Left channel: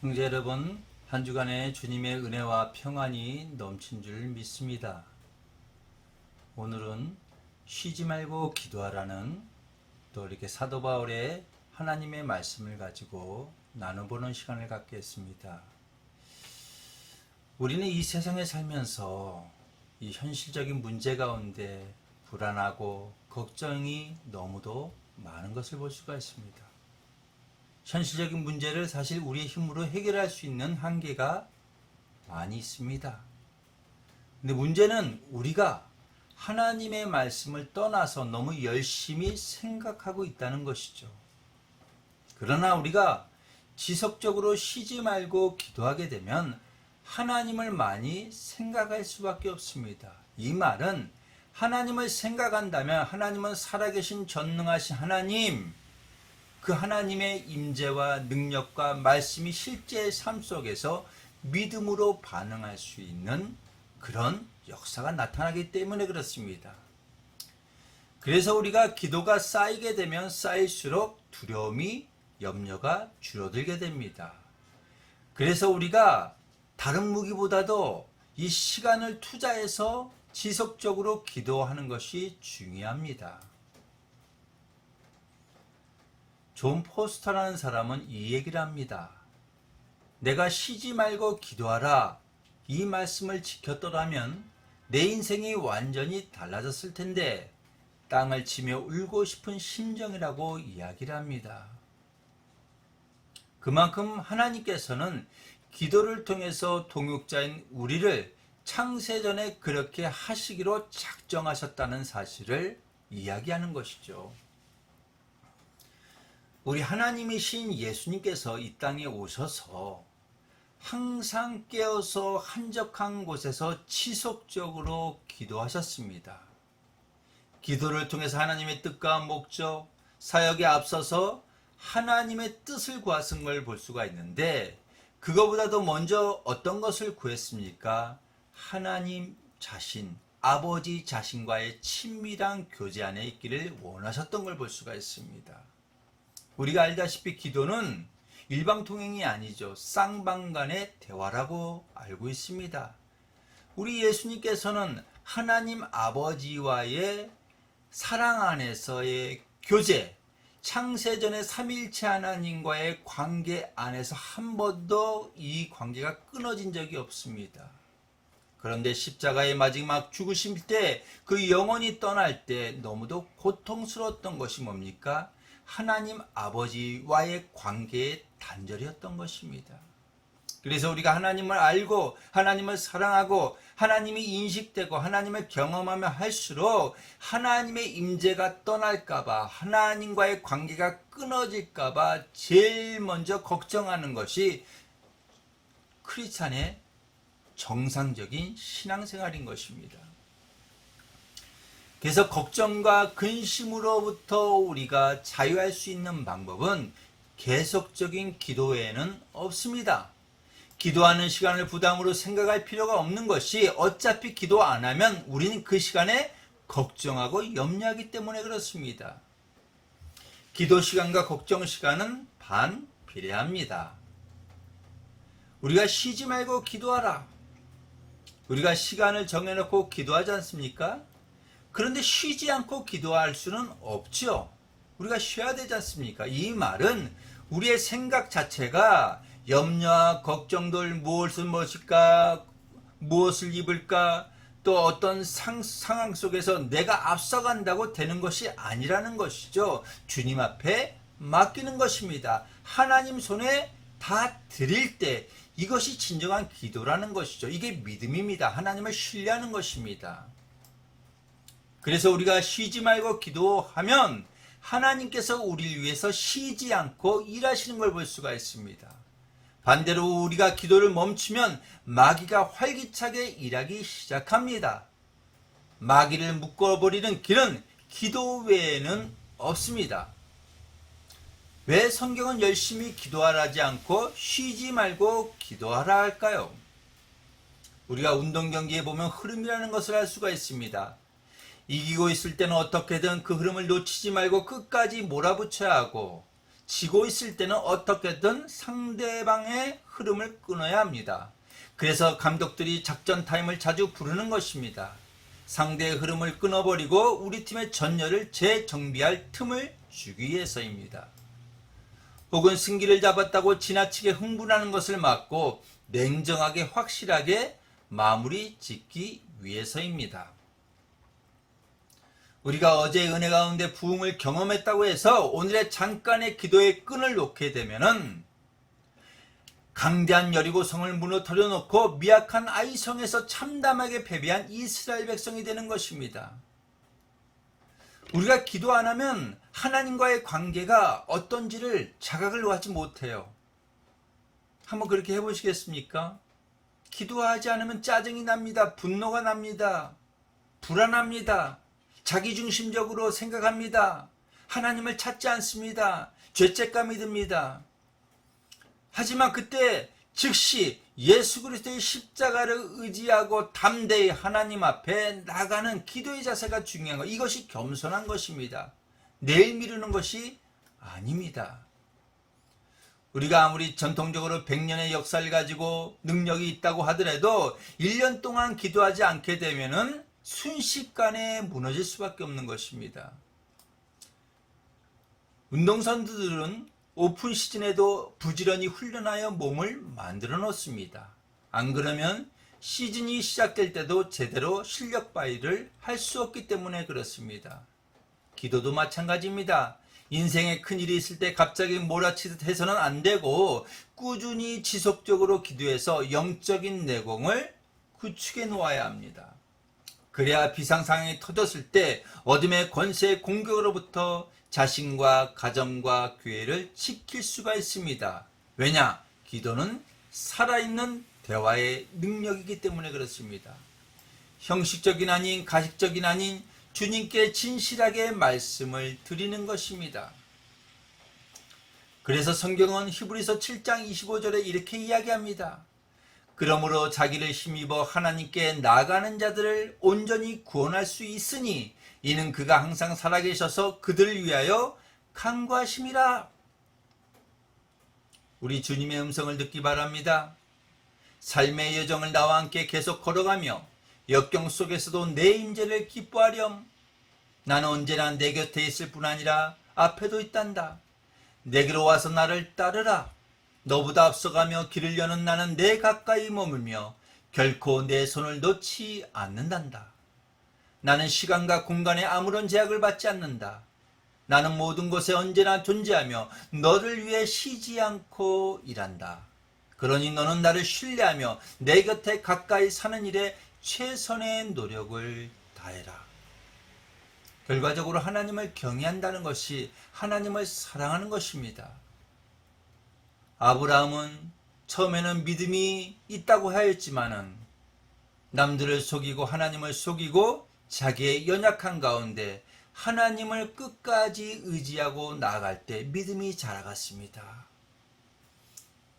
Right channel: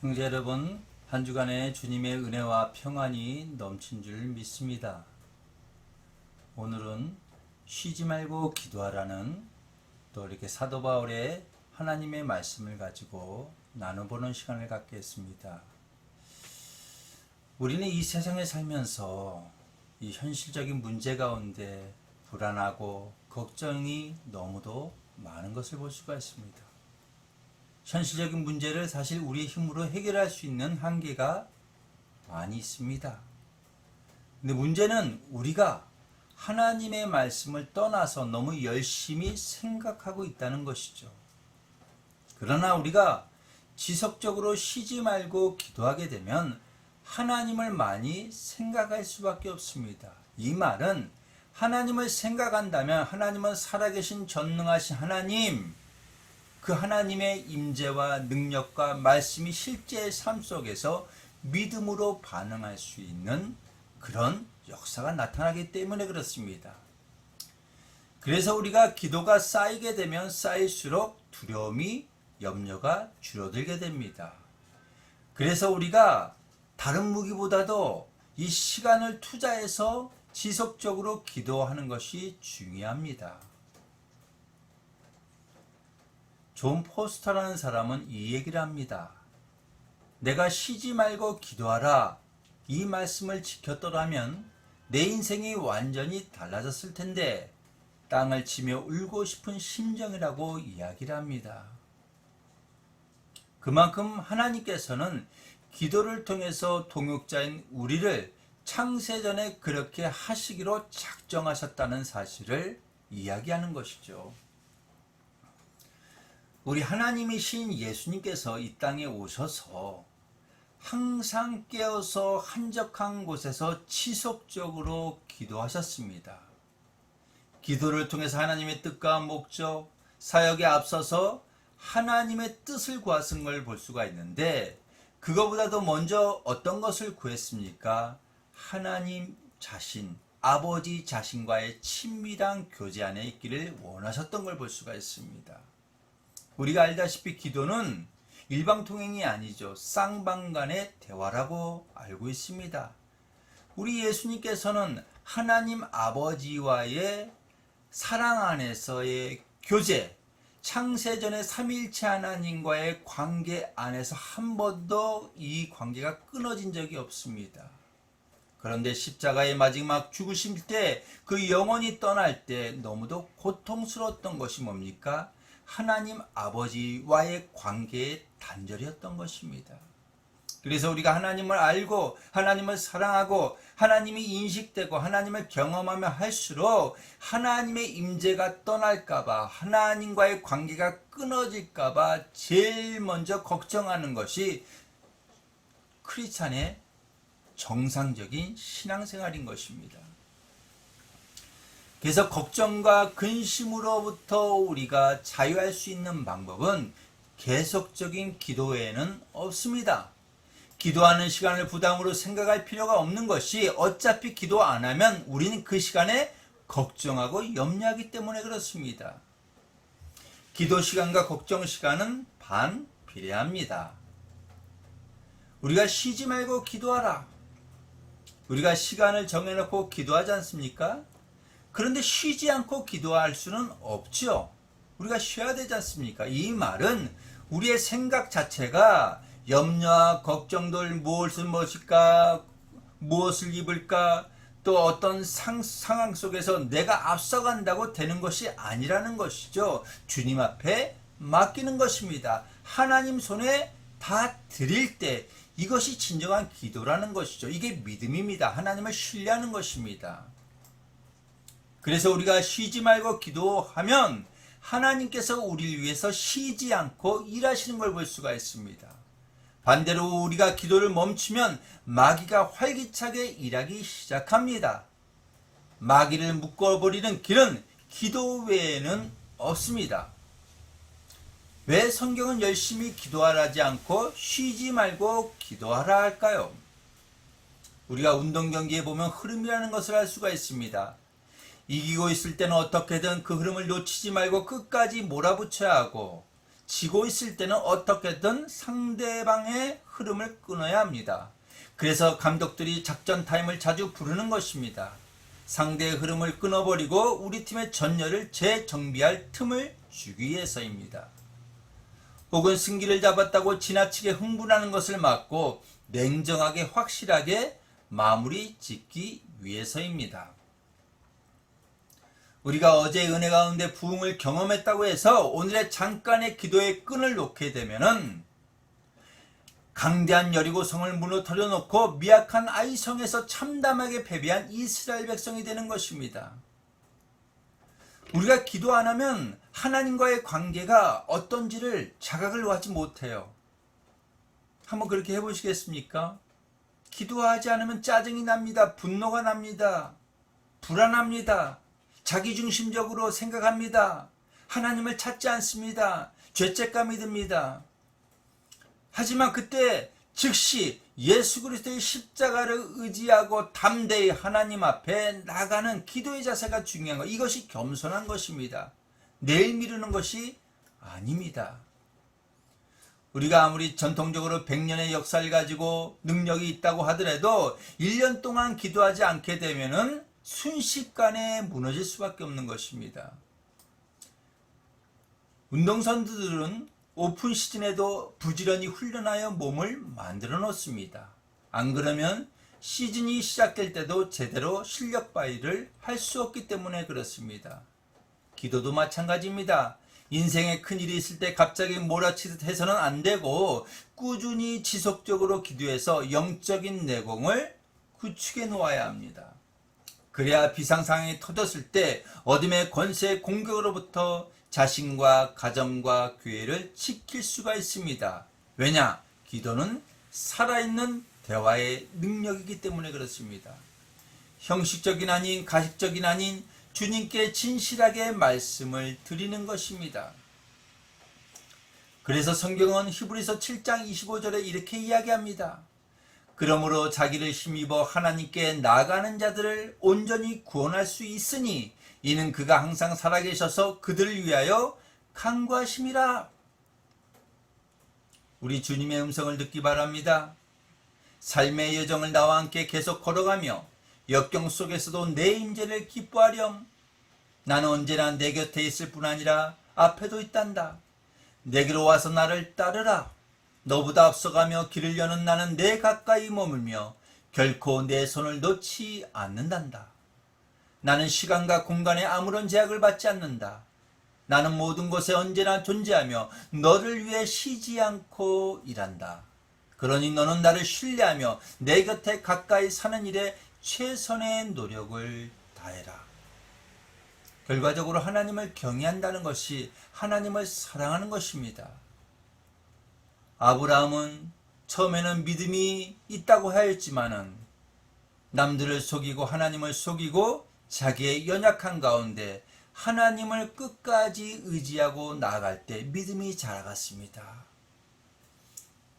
형제 여러분, 한 주간에 주님의 은혜와 평안이 넘친 줄 믿습니다. 오늘은 쉬지 말고 기도하라는 또 이렇게 사도 바울의 하나님의 말씀을 가지고 나눠보는 시간을 갖겠습니다. 우리는 이 세상에 살면서 이 현실적인 문제 가운데 불안하고 걱정이 너무도 많은 것을 볼 수가 있습니다. 현실적인 문제를 사실 우리의 힘으로 해결할 수 있는 한계가 많이 있습니다. 근데 문제는 우리가 하나님의 말씀을 떠나서 너무 열심히 생각하고 있다는 것이죠. 그러나 우리가 지속적으로 쉬지 말고 기도하게 되면 하나님을 많이 생각할 수밖에 없습니다. 이 말은 하나님을 생각한다면 하나님은 살아계신 전능하신 하나님, 그 하나님의 임재와 능력과 말씀이 실제 삶 속에서 믿음으로 반응할 수 있는 그런 역사가 나타나기 때문에 그렇습니다. 그래서 우리가 기도가 쌓이게 되면 쌓일수록 두려움이, 염려가 줄어들게 됩니다. 그래서 우리가 다른 무기보다도 이 시간을 투자해서 지속적으로 기도하는 것이 중요합니다. 존 포스터라는 사람은 이 얘기를 합니다. 내가 쉬지 말고 기도하라, 이 말씀을 지켰더라면 내 인생이 완전히 달라졌을 텐데 땅을 치며 울고 싶은 심정이라고 이야기를 합니다. 그만큼 하나님께서는 기도를 통해서 동역자인 우리를 창세전에 그렇게 하시기로 작정하셨다는 사실을 이야기하는 것이죠. 우리 하나님이신 예수님께서 이 땅에 오셔서 항상 깨어서 한적한 곳에서 지속적으로 기도하셨습니다. 기도를 통해서 하나님의 뜻과 목적, 사역에 앞서서 하나님의 뜻을 구하신 걸 볼 수가 있는데, 그거보다도 먼저 어떤 것을 구했습니까? 하나님 자신, 아버지 자신과의 친밀한 교제 안에 있기를 원하셨던 걸 볼 수가 있습니다. 우리가 알다시피 기도는 일방통행이 아니죠. 쌍방간의 대화라고 알고 있습니다. 우리 예수님께서는 하나님 아버지와의 사랑 안에서의 교제, 창세전의 삼위일체 하나님과의 관계 안에서 한 번도 이 관계가 끊어진 적이 없습니다. 그런데 십자가의 마지막 죽으심 때 그 영혼이 떠날 때 너무도 고통스러웠던 것이 뭡니까? 하나님 아버지와의 관계의 단절이었던 것입니다. 그래서 우리가 하나님을 알고 하나님을 사랑하고 하나님이 인식되고 하나님을 경험하며 할수록 하나님의 임재가 떠날까봐, 하나님과의 관계가 끊어질까봐 제일 먼저 걱정하는 것이 크리스찬의 정상적인 신앙생활인 것입니다. 그래서 걱정과 근심으로부터 우리가 자유할 수 있는 방법은 계속적인 기도 외에는 없습니다. 기도하는 시간을 부담으로 생각할 필요가 없는 것이, 어차피 기도 안 하면 우리는 그 시간에 걱정하고 염려하기 때문에 그렇습니다. 기도 시간과 걱정 시간은 반비례합니다. 우리가 쉬지 말고 기도하라. 우리가 시간을 정해놓고 기도하지 않습니까? 그런데 쉬지 않고 기도할 수는 없죠. 우리가 쉬어야 되지 않습니까? 이 말은 우리의 생각 자체가 염려와 걱정들, 무엇을 먹을까, 무엇을 입을까, 또 어떤 상황 속에서 내가 앞서간다고 되는 것이 아니라는 것이죠. 주님 앞에 맡기는 것입니다. 하나님 손에 다 드릴 때 이것이 진정한 기도라는 것이죠. 이게 믿음입니다. 하나님을 신뢰하는 것입니다. 그래서 우리가 쉬지 말고 기도하면 하나님께서 우리를 위해서 쉬지 않고 일하시는 걸 볼 수가 있습니다. 반대로 우리가 기도를 멈추면 마귀가 활기차게 일하기 시작합니다. 마귀를 묶어버리는 길은 기도 외에는 없습니다. 왜 성경은 열심히 기도하라지 않고 쉬지 말고 기도하라 할까요? 우리가 운동 경기에 보면 흐름이라는 것을 알 수가 있습니다. 이기고 있을 때는 어떻게든 그 흐름을 놓치지 말고 끝까지 몰아붙여야 하고, 지고 있을 때는 어떻게든 상대방의 흐름을 끊어야 합니다. 그래서 감독들이 작전 타임을 자주 부르는 것입니다. 상대의 흐름을 끊어버리고 우리 팀의 전열을 재정비할 틈을 주기 위해서입니다. 혹은 승기를 잡았다고 지나치게 흥분하는 것을 막고 냉정하게 확실하게 마무리 짓기 위해서입니다. 우리가 어제 은혜 가운데 부흥을 경험했다고 해서 오늘의 잠깐의 기도의 끈을 놓게 되면은 강대한 여리고성을 무너뜨려 놓고 미약한 아이성에서 참담하게 패배한 이스라엘 백성이 되는 것입니다. 우리가 기도 안 하면 하나님과의 관계가 어떤지를 자각을 하지 못해요. 한번 그렇게 해보시겠습니까? 기도하지 않으면 짜증이 납니다. 분노가 납니다. 불안합니다. 자기중심적으로 생각합니다. 하나님을 찾지 않습니다. 죄책감이 듭니다. 하지만 그때 즉시 예수 그리스도의 십자가를 의지하고 담대히 하나님 앞에 나가는 기도의 자세가 중요한 것. 이것이 겸손한 것입니다. 내일 미루는 것이 아닙니다. 우리가 아무리 전통적으로 100년의 역사를 가지고 능력이 있다고 하더라도 1년 동안 기도하지 않게 되면은 순식간에 무너질 수밖에 없는 것입니다. 운동선수들은 오픈 시즌에도 부지런히 훈련하여 몸을 만들어 놓습니다. 안 그러면 시즌이 시작될 때도 제대로 실력 발휘를 할 수 없기 때문에 그렇습니다. 기도도 마찬가지입니다. 인생에 큰일이 있을 때 갑자기 몰아치듯 해서는 안 되고 꾸준히 지속적으로 기도해서 영적인 내공을 구축해 놓아야 합니다. 그래야 비상상황이 터졌을 때 어둠의 권세의 공격으로부터 자신과 가정과 교회를 지킬 수가 있습니다. 왜냐? 기도는 살아있는 대화의 능력이기 때문에 그렇습니다. 형식적인 아닌 가식적인 아닌 주님께 진실하게 말씀을 드리는 것입니다. 그래서 성경은 히브리서 7장 25절에 이렇게 이야기합니다. 그러므로 자기를 힘입어 하나님께 나아가는 자들을 온전히 구원할 수 있으니 이는 그가 항상 살아계셔서 그들을 위하여 간구하심이라. 우리 주님의 음성을 듣기 바랍니다. 삶의 여정을 나와 함께 계속 걸어가며 역경 속에서도 내 임재를 기뻐하렴. 나는 언제나 내 곁에 있을 뿐 아니라 앞에도 있단다. 내게로 와서 나를 따르라. 너보다 앞서가며 길을 여는 나는 내 가까이 머물며 결코 내 손을 놓지 않는단다. 나는 시간과 공간에 아무런 제약을 받지 않는다. 나는 모든 곳에 언제나 존재하며 너를 위해 쉬지 않고 일한다. 그러니 너는 나를 신뢰하며 내 곁에 가까이 사는 일에 최선의 노력을 다해라. 결과적으로 하나님을 경외한다는 것이 하나님을 사랑하는 것입니다. 아브라함은 처음에는 믿음이 있다고 하였지만은 남들을 속이고 하나님을 속이고 자기의 연약한 가운데 하나님을 끝까지 의지하고 나아갈 때 믿음이 자라갔습니다.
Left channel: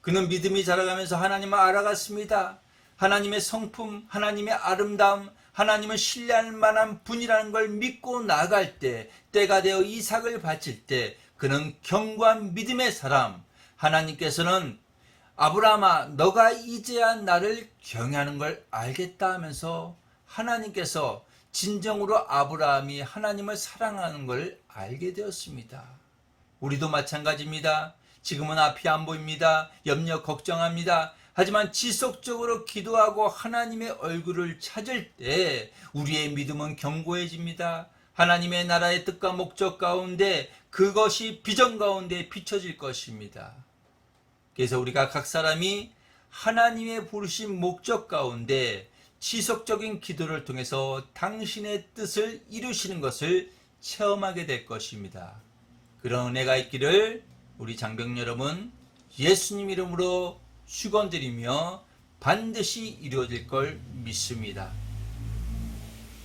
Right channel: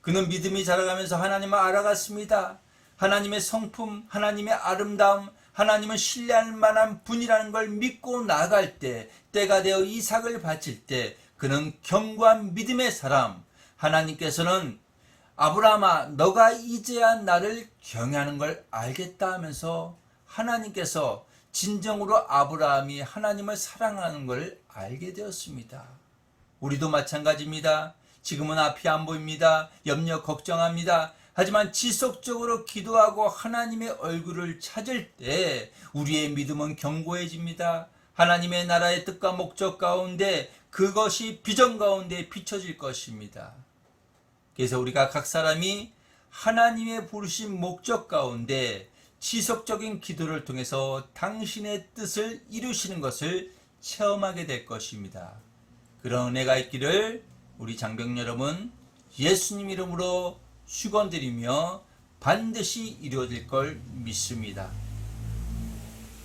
그는 믿음이 자라가면서 하나님을 알아갔습니다. 하나님의 성품, 하나님의 아름다움, 하나님을 신뢰할 만한 분이라는 걸 믿고 나아갈 때, 때가 되어 이삭을 바칠 때 그는 견고한 믿음의 사람, 하나님께서는 아브라함아 너가 이제야 나를 경외하는 걸 알겠다 하면서 하나님께서 진정으로 아브라함이 하나님을 사랑하는 걸 알게 되었습니다. 우리도 마찬가지입니다. 지금은 앞이 안 보입니다. 염려 걱정합니다. 하지만 지속적으로 기도하고 하나님의 얼굴을 찾을 때 우리의 믿음은 견고해집니다. 하나님의 나라의 뜻과 목적 가운데 그것이 비전 가운데 비춰질 것입니다. 그래서 우리가 각 사람이 하나님의 부르신 목적 가운데 지속적인 기도를 통해서 당신의 뜻을 이루시는 것을 체험하게 될 것입니다. 그런 은혜가 있기를 우리 장병 여러분 예수님 이름으로 축원드리며 반드시 이루어질 걸 믿습니다.